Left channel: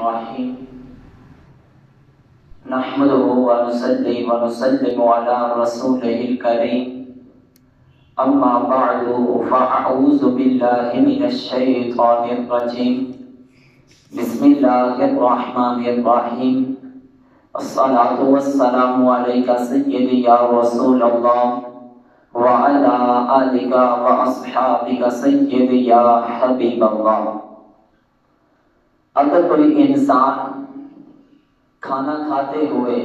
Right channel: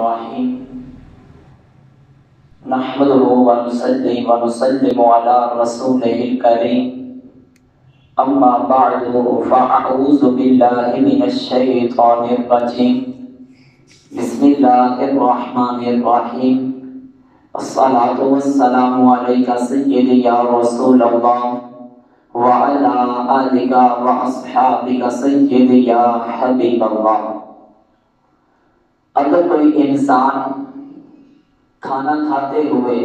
الرحيم نحمده ونصلي ونسلم على رسوله الكريم أما بعد فأعوذ بالله من الشيطان الرجيم بسم الله الرحمن الرحيم الصلاة والسلام عليك سيدي يا رسول الله وعلى آلك وأصحابك سيدي يا حبيب الله۔ اگر کوئی انسان کھانا کھاتے ہوئے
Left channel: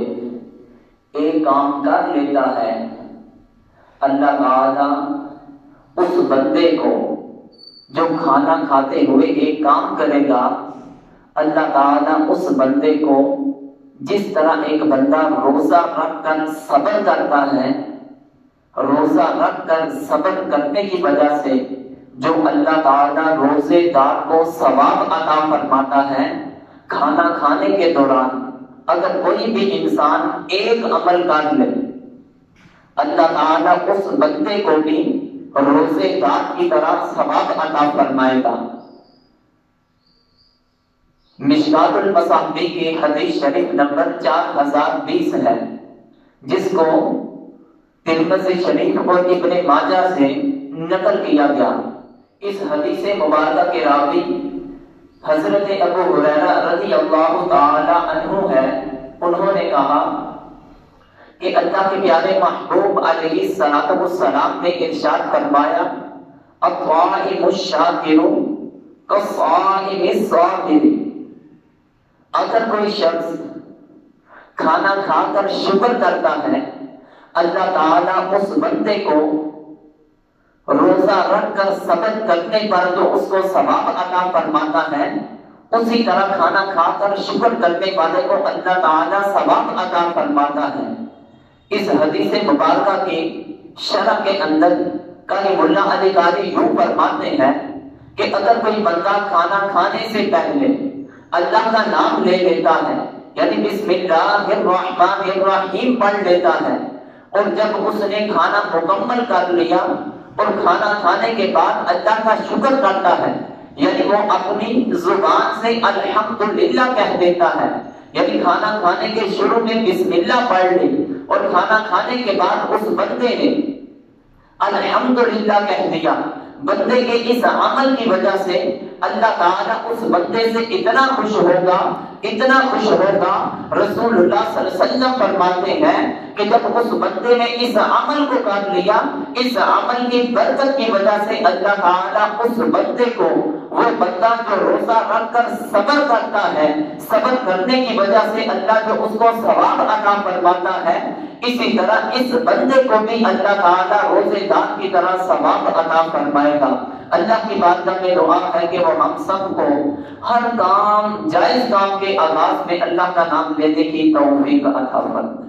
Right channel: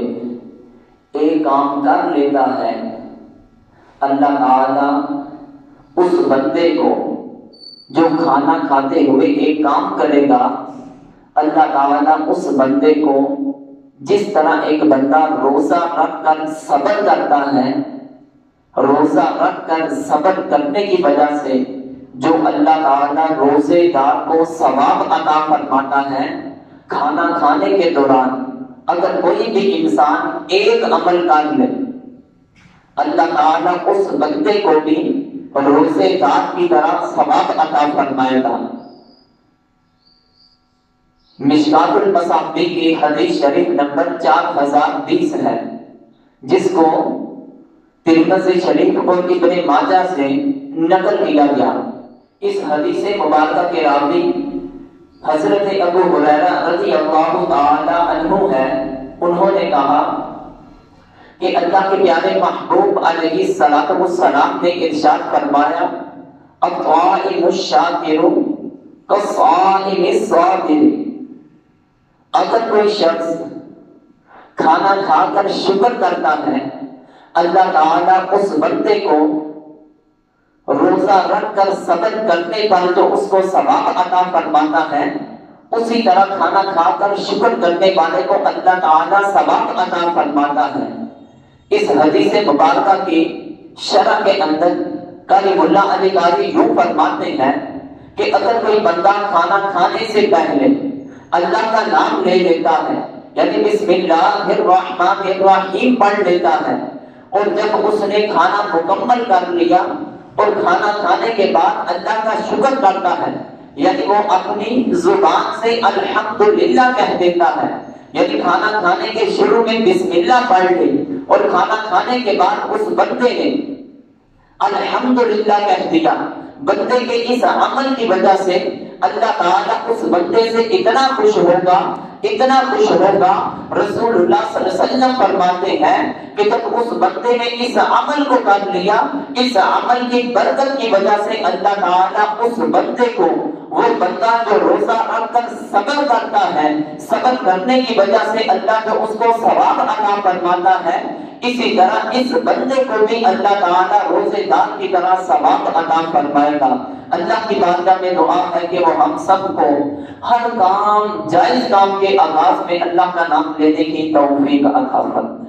ایک کام کر لیتا ہے، اللہ تعالیٰ اس بندے کو جو کھانا کھاتے ہوئے ایک کام کرے گا، اللہ تعالیٰ اس بندے کو جس طرح ایک بندہ روزہ رکھ کر صبر کرتا ہے، روزہ رکھ کر صبر کرنے کی وجہ سے جو اللہ تعالیٰ روزے دار کو ثواب عطا فرماتا ہے، کھانا کھانے کے دوران اگر کوئی بھی انسان ایک عمل کر لے، اللہ تعالیٰ اس بندے کو بھی روزے دار کی طرح ثواب عطا فرمائے گا۔ مشکات المصابیح کی حدیث شریف نمبر 4020 ہے، جس کو ترمذی شریف اور ابن ماجہ سے نقل کیا گیا۔ اس حدیث مبارکہ کے راوی حضرت ابو ہریرہ رضی اللہ تعالی عنہ ہے۔ انہوں نے کہا کہ اللہ کے پیارے محبوب علیہ الصلوۃ والسلام نے ارشاد فرمایا، الطائم الشاکر کالصائم الصابر۔ اگر کوئی شخص کھانا کھا کر شکر کرتا ہے، اللہ تعالیٰ اس بندے کو روزہ رکھ کر صبر کرنے پر جو اس کو ثواب عطا فرماتا ہے، اسی طرح کھانا کھا کر شکر کرنے والے کو اللہ تعالیٰ ثواب عطا فرماتا ہے۔ اس حدیث مبارکہ کی شرح کے اندر قاری ملا علی قاری یوں فرماتے ہیں کہ اگر کوئی بندہ کھانا کھانے سے پہلے اللہ کا نام لے لیتا ہے، یعنی بسم اللہ الرحمن الرحیم پڑھ لیتا ہے، اور جب اس نے کھانا مکمل کر لیا اور کھانا کھانے کے بعد اللہ کا شکر کرتا ہے، یعنی وہ اپنی زبان سے الحمدللہ کہہ دیتا ہے، یعنی کھانا کھانے کے شروع میں بسم اللہ پڑھ لی اور کھانا کھانے کے بعد اس بندے نے الحمدللہ کہہ دیا، بندے کے اس عمل کی وجہ سے اللہ تعالیٰ اس بندے سے اتنا خوش ہوگا، اتنا خوش ہوگا، رسول اللہ صلی اللہ علیہ وسلم فرماتے ہیں کہ جب اس بندے نے اس عمل کو کر لیا، اس عمل کی برکت کی وجہ سے اللہ تعالیٰ اس بندے کو، وہ بندہ جو روزہ رکھ کر صبر کرتا ہے، صبر کرنے کی وجہ سے اللہ جو اس کو ثواب عطا فرماتا ہے، اسی طرح اس بندے کو بھی اللہ تعالیٰ روزے دار کی طرح ثواب عطا فرمائے گا۔ اللہ کی بارگاہ میں دعا ہے کہ وہ ہم سب کو ہر کام، جائز کام کے آغاز میں اللہ کا نام لینے کی توفیق عطا فرمائے۔